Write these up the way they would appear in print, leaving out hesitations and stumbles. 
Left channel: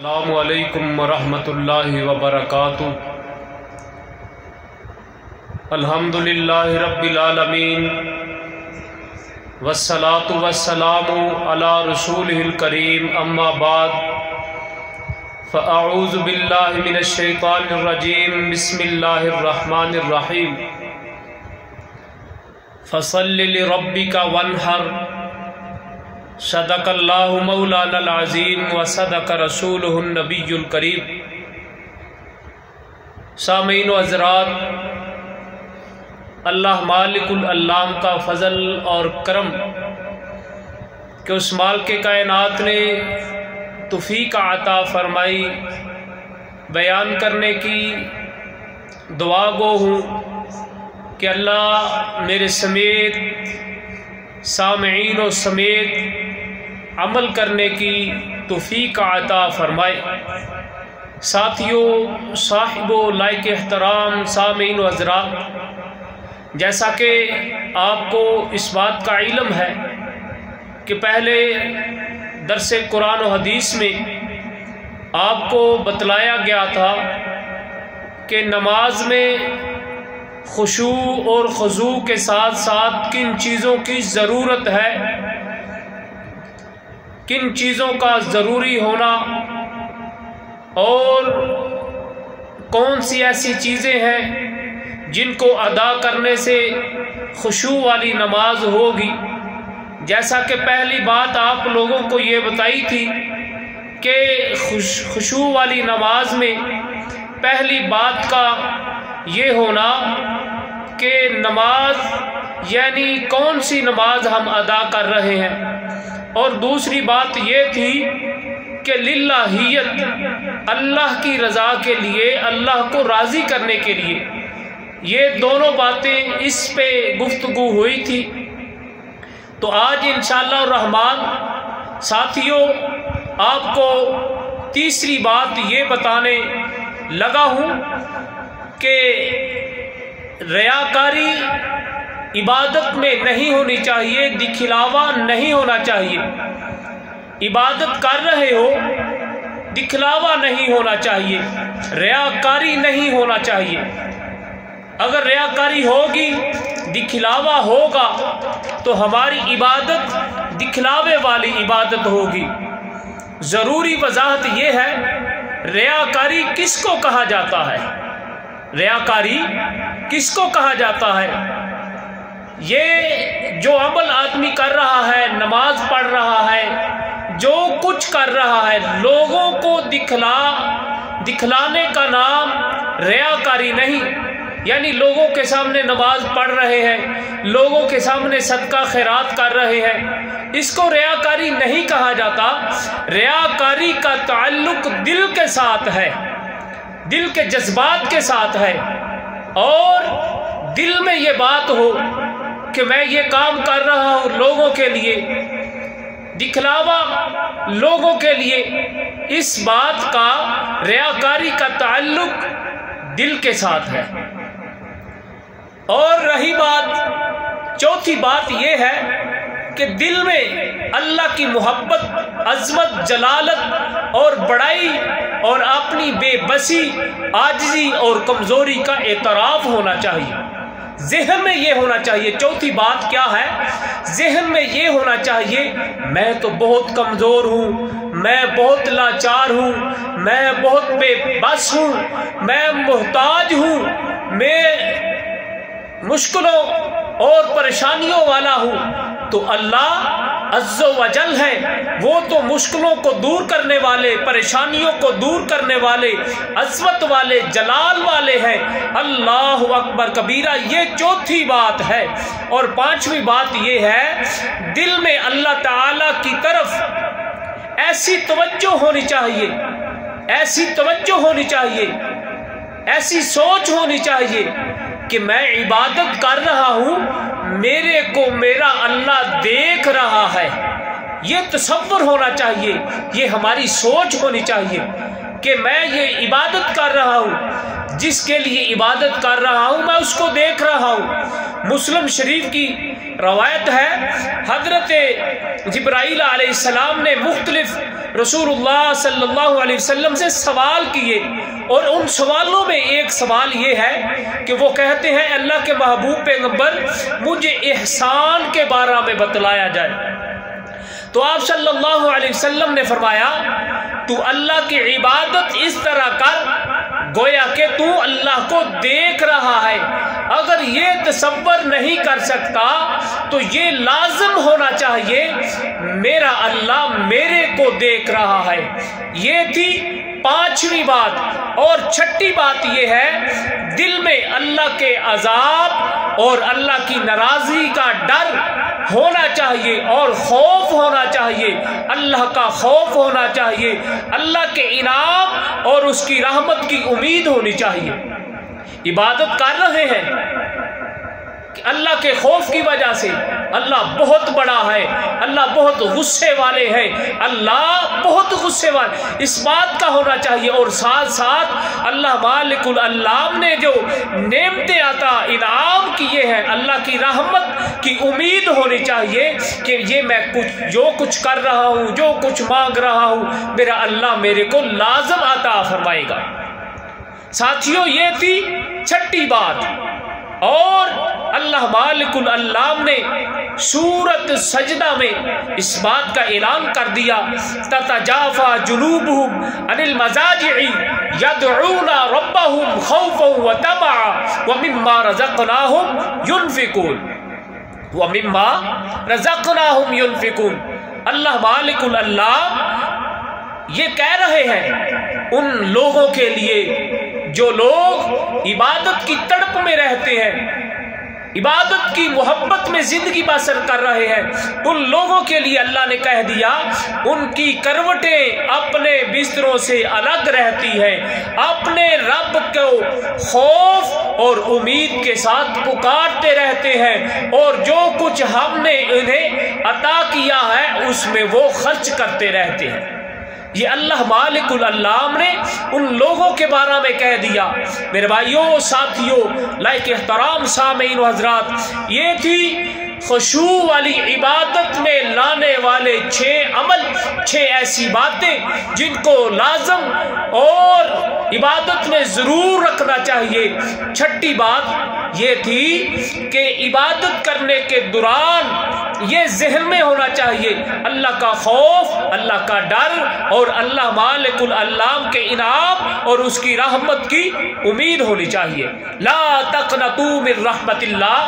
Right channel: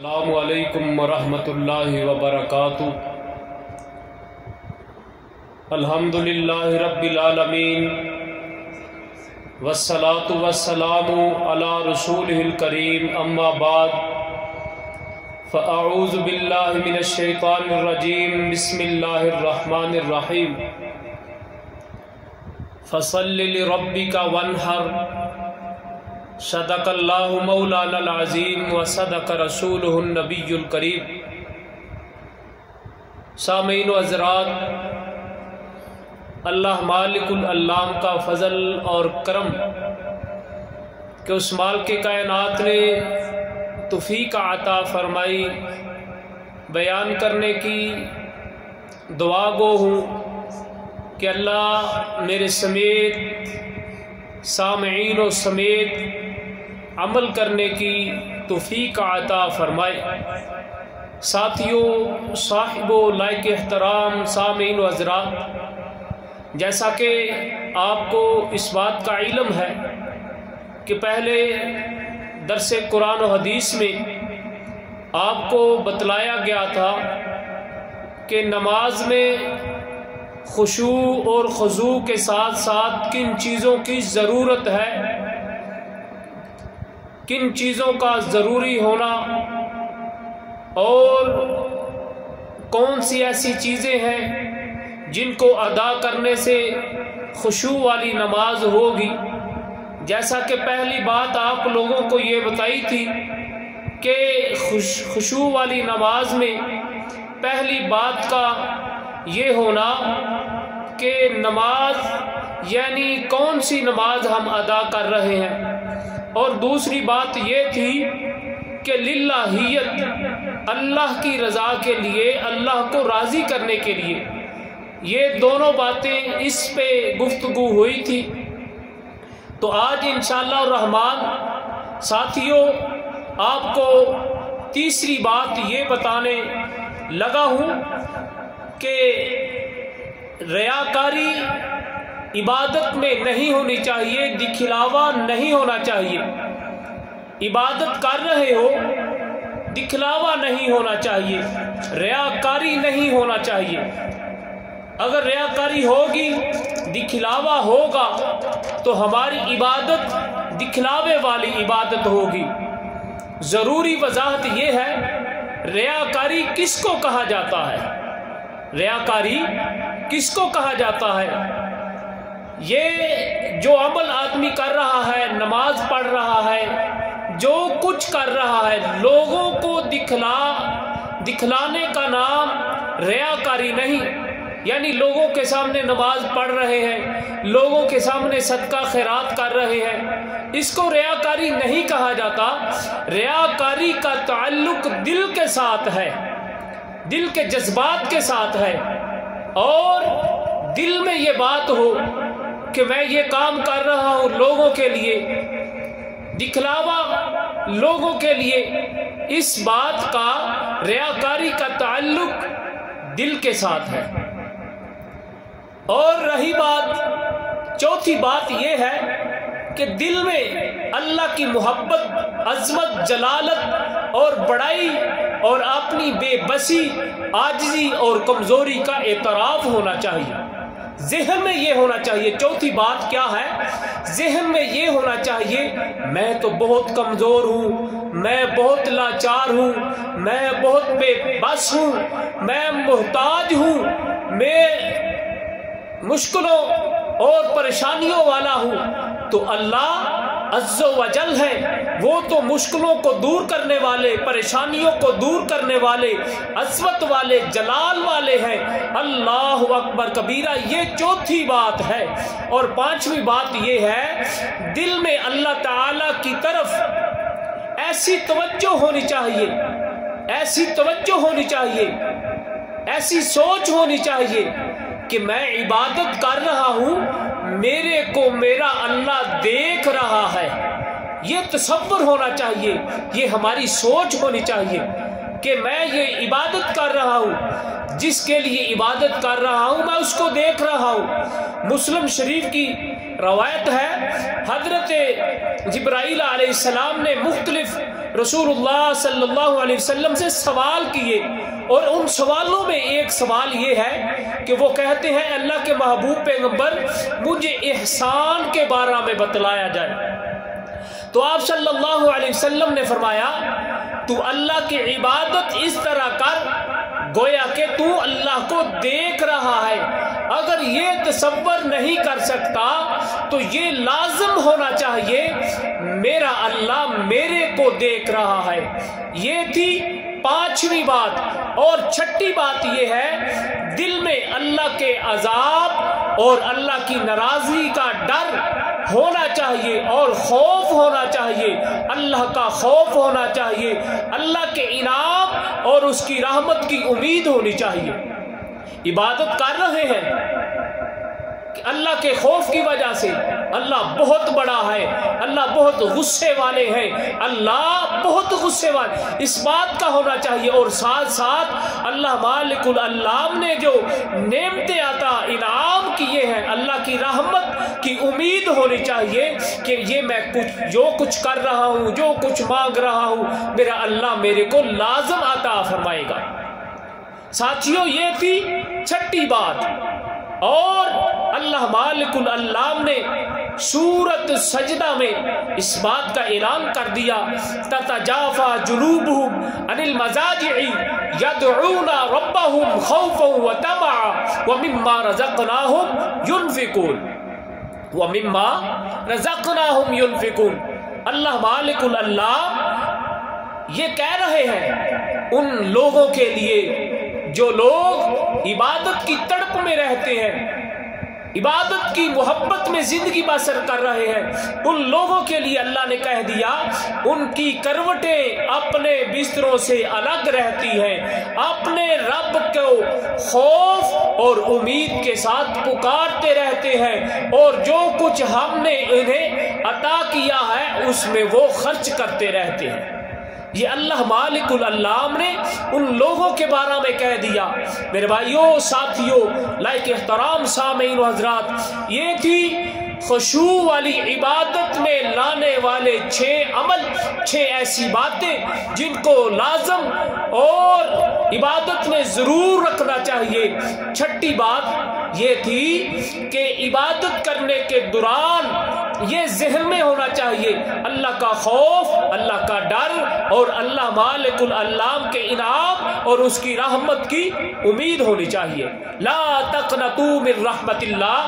السلام علیکم ورحمۃ اللہ وبرکاتہ۔ الحمدللہ رب العالمین والصلاة والسلام علی رسولہ الکریم، اما بعد فاعوذ باللہ من الشیطان الرجیم، بسم اللہ الرحمن الرحیم۔ فصل لربک وانحر، صدق اللہ مولانا العظیم وصدق رسولہ النبی الکریم۔ سامعین و حضرات، اللہ مالک العلام کا فضل اور کرم کہ اس مالک کائنات نے توفیق عطا فرمائی بیان کرنے کی دعا گو ہوں کہ اللہ میرے سمیت سامعین و سمیت عمل کرنے کی توفیق عطا فرمائے۔ ساتھیوں، صاحب و لائق احترام سامعین و حضرات، جیسا کہ آپ کو اس بات کا علم ہے کہ پہلے درس قرآن و حدیث میں آپ کو بتلایا گیا تھا کہ نماز میں خشوع اور خضوع کے ساتھ ساتھ کن چیزوں کی ضرورت ہے، کن چیزوں کا ضروری ہونا، اور کون سی ایسی چیزیں ہیں جن کو ادا کرنے سے خشوع والی نماز ہوگی۔ جیسا کہ پہلی بات آپ لوگوں کو یہ بتائی تھی کہ خشوع والی نماز میں پہلی بات کا یہ ہونا کہ نماز یعنی کون سی نماز ہم ادا کر رہے ہیں، اور دوسری بات یہ تھی کہ للہیت، اللہ کی رضا کے لیے، اللہ کو راضی کرنے کے لیے۔ یہ دونوں باتیں اس پہ گفتگو ہوئی تھی۔ تو آج انشاءاللہ الرحمن ساتھیوں آپ کو تیسری بات یہ بتانے لگا ہوں کہ ریاکاری عبادت میں نہیں ہونی چاہیے، دکھلاوا نہیں ہونا چاہیے۔ عبادت کر رہے ہو، دکھلاوا نہیں ہونا چاہیے، ریاکاری نہیں ہونا چاہیے۔ اگر ریاکاری ہوگی، دکھلاوا ہوگا تو ہماری عبادت دکھلاوے والی عبادت ہوگی۔ ضروری وضاحت یہ ہے، ریاکاری کس کو کہا جاتا ہے؟ ریاکاری کس کو کہا جاتا ہے؟ یہ جو عمل آدمی کر رہا ہے، نماز پڑھ رہا ہے، جو کچھ کر رہا ہے، لوگوں کو دکھلانے کا نام ریاکاری نہیں۔ یعنی لوگوں کے سامنے نماز پڑھ رہے ہیں، لوگوں کے سامنے صدقہ خیرات کر رہے ہیں، اس کو ریاکاری نہیں کہا جاتا۔ ریاکاری کا تعلق دل کے ساتھ ہے، دل کے جذبات کے ساتھ ہے، اور دل میں یہ بات ہو کہ میں یہ کام کر رہا ہوں لوگوں کے لیے، دکھلاوا لوگوں کے لیے، اس بات کا ریاکاری کا تعلق دل کے ساتھ ہے۔ اور رہی بات، چوتھی بات یہ ہے کہ دل میں اللہ کی محبت، عظمت، جلالت اور بڑائی اور اپنی بے بسی، عاجزی اور کمزوری کا اعتراف ہونا چاہیے۔ ذہن میں یہ ہونا چاہیے۔ چوتھی بات کیا ہے؟ ذہن میں یہ ہونا چاہیے، میں تو بہت کمزور ہوں، میں بہت لاچار ہوں، میں بہت بے بس ہوں، میں محتاج ہوں، میں مشکلوں اور پریشانیوں والا ہوں۔ تو اللہ عز و جل ہے، وہ تو مشکلوں کو دور کرنے والے، پریشانیوں کو دور کرنے والے، عظمت والے، جلال والے ہیں۔ اللہ اکبر کبیرہ، یہ چوتھی بات ہے۔ اور پانچویں بات یہ ہے، دل میں اللہ تعالی کی طرف ایسی توجہ ہونی چاہیے، ایسی توجہ ہونی چاہیے، ایسی سوچ ہونی چاہیے کہ میں عبادت کر رہا ہوں، میرے کو میرا اللہ دیکھ رہا ہے۔ یہ تصور ہونا چاہیے، یہ ہماری سوچ ہونی چاہیے کہ میں یہ عبادت کر رہا ہوں، جس کے لیے عبادت کر رہا ہوں میں اس کو دیکھ رہا ہوں۔ مسلم شریف کی روایت ہے، حضرت جبرائیل علیہ السلام نے مختلف रसूलुल्लाह सल्लल्लाहु अलैहि वसल्लम से सवाल किए, और उन सवालों में एक सवाल ये है कि वो कहते हैं अल्लाह के महबूब पैगंबर मुझे ihसान के बारे में बतलाया जाए। तो आप सल्लल्लाहु अलैहि वसल्लम ने फरमाया तू अल्लाह की इबादत इस तरह कर गोया कि तू अल्लाह को देख रहा है। अगर ये तसव्वुर नहीं कर सकता तो ये लाजम होना चाहिए मेरा अल्लाह मेरे को देख रहा है। ये थी पांचवी बात। और छठी बात ये है दिल में अल्लाह के अजाब और अल्लाह की नाराजगी का डर होना चाहिए और खौफ होना चाहिए, अल्लाह का खौफ होना चाहिए, अल्लाह के इनाम और उसकी रहमत की उम्मीद होनी चाहिए। इबादत कर रहे हैं कि अल्लाह के खौफ की वजह से अल्लाह बहुत बड़ा है, अल्लाह बहुत गुस्से वाले हैं, अल्लाह बहुत गुस्से वाले, इस बात का होना चाहिए। और साथ साथ अल्लाह मालिकुल अल्लाम ने जो नेमतें अता इनाम किए हैं अल्लाह की रहमत की उम्मीद होनी चाहिए कि ये मैं जो कुछ कर रहा हूँ, जो कुछ मांग रहा हूँ, मेरा अल्लाह मेरे को लाजम अता फरमाएगा। साथियों ये थी छठी बात। और अल्लाह मालिकुल अल्लाम ने सूरत सजदा में इस बात का ऐलान कर दिया ततजाफा जुनूबुहुम अनिल मजाजि'i यदऊना रब्बहुम खौफन व तमअ व मिम्मा रज़क़नाहुम युनफिकून। अल्लाह मालिकुल अल्लाह ये कह रहे हैं उन लोगों के लिए जो लोग इबादत की तड़प में रहते हैं, इबादत की मोहब्बत में जिंदगी बसर कर रहे हैं, उन लोगों के लिए अल्लाह ने कह दिया उनकी करवटें अपने बिस्तरों से अलग रहती हैं, अपने रब को खौफ और उम्मीद के साथ पुकारते रहते हैं, और जो कुछ हमने उन्हें अता किया है उसमें वो खर्च करते रहते हैं। ये अल्लाह मालिकुल अल्लाम ने उन लोगों के बारे में कह दिया। मेरे भाइयों साथियों लाइक एहतराम सामीन व हज़रात, ये थी खुशू वाली इबादत में लाने वाले 6 अमल, 6 ऐसी बातें जिनको लाजम और इबादत में ज़रूर रखना चाहिए। छठी बात ये थी कि इबादत करने के दौरान ये जहन में होना चाहिए अल्लाह का खौफ, अल्लाह का डर और अल्लाह मालिकुल अल्लाम के इनाम और उसकी रहमत की उम्मीद होनी चाहिए। ला तक़नतू मिन रहमतिल्लाह,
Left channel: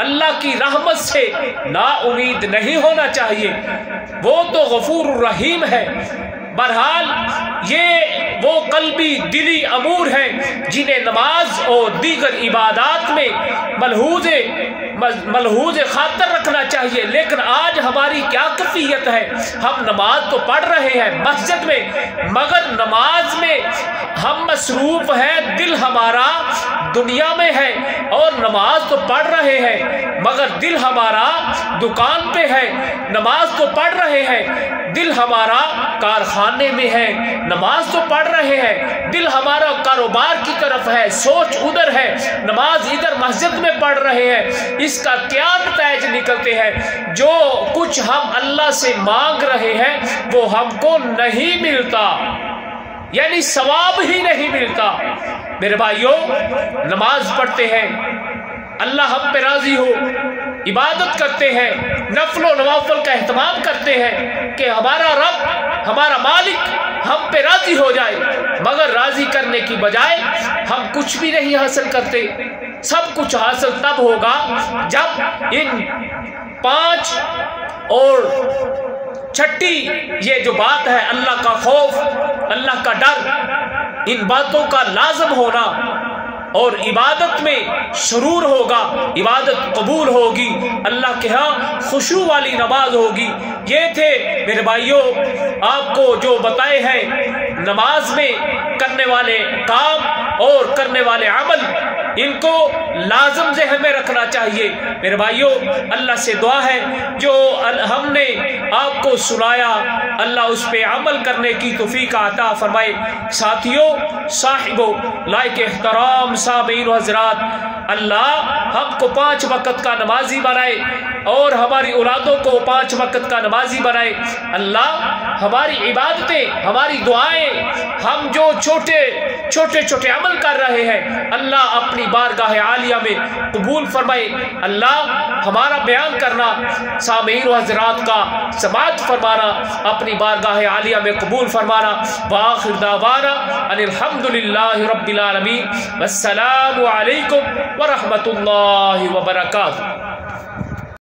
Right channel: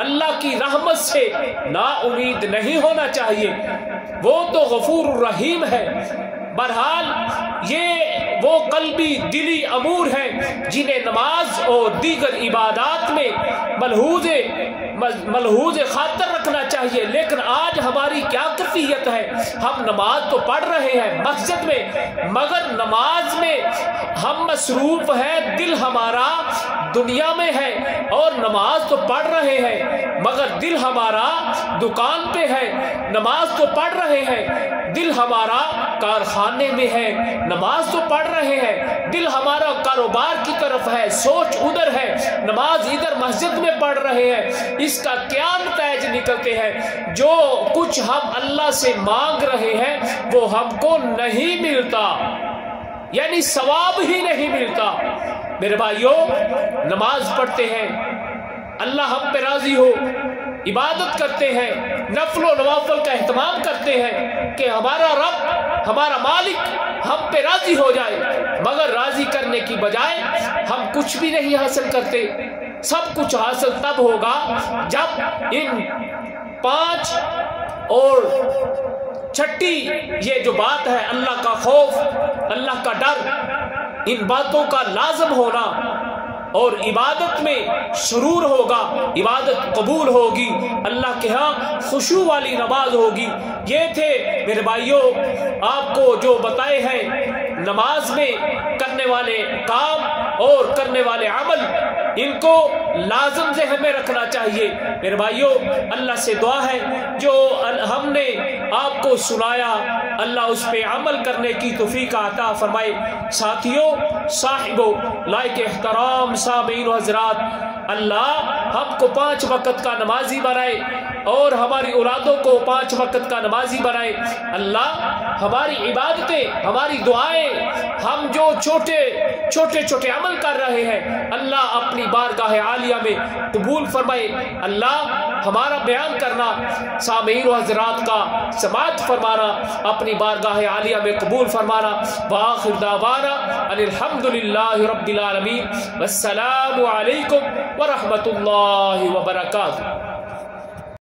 अल्लाह की रहमत से ना उम्मीद नहीं होना चाहिए, वो तो गफूर रहीम है। बहरहाल ये वो कल्बी दिली अमूर हैं जिन्हें नमाज और दीगर इबादात में मलहूज खातर रखना चाहिए। लेकिन आज हमारी क्या कैफियत है, हम नमाज तो पढ़ रहे हैं मस्जिद में, मगर नमाज में हम मसरूफ हैं, दिल हमारा दुनिया में है, और नमाज तो पढ़ रहे हैं मगर दिल हमारा दुकान पे है। नमाज तो पढ़ रहे हैं, दिल हमारा कारखाने में है। नमाज तो पढ़ रहे हैं, दिल हमारा कारोबार की तरफ है, सोच उधर है, नमाज इधर मस्जिद में पढ़ रहे हैं। इसका क्या नतीजे निकलते हैं? जो कुछ हम अल्लाह से मांग रहे हैं वो हमको नहीं मिलता, यानी सवाब ही नहीं मिलता। मेरे भाइयों नमाज पढ़ते हैं, अल्लाह हम पे राजी हो, इबादत करते हैं, नफलो नवाफल का एहतमाम करते हैं कि हमारा रब, हमारा मालिक हम पे राजी हो जाए, मगर राजी करने की बजाय हम कुछ भी नहीं हासिल करते। सब कुछ हासिल तब होगा जब इन 5 और छठी ये जो बात है अल्लाह का खौफ, अल्लाह का डर, इन बातों का लाजम होना और इबादत में शुरूर होगा, इबादत कबूल होगी, अल्लाह के यहाँ खुशू वाली नमाज होगी। ये थे मेरे भाइयों आपको जो बताए हैं नमाज में करने वाले काम और करने वाले अमल, इनको लाजम ज़हन में रखना चाहिए। मेरे भाइयों अल्लाह से दुआ है जो हमने आपको सुनाया अल्लाह उस पे अमल करने की तौफीक अता फरमाए। साथियों साहिबो लाइक एहतराम सामीन व हज़रात, अल्लाह हमको 5 वक़्त का नमाजी बनाए और हमारी औलादों को 5 वक़्त का नमाजी बनाए। अल्लाह ہماری عبادتیں، ہماری دعائیں، ہم جو چھوٹے عمل کر رہے ہیں، اللہ اپنی بارگاہ عالیہ میں قبول فرمائے۔ اللہ ہمارا بیان کرنا، سامعین و حضرات کا سماعت فرمانا اپنی بارگاہ عالیہ میں قبول فرمانا۔ وآخر دعوانا ان الحمدللہ رب العالمین، والسلام علیکم ورحمۃ اللہ وبرکاتہ۔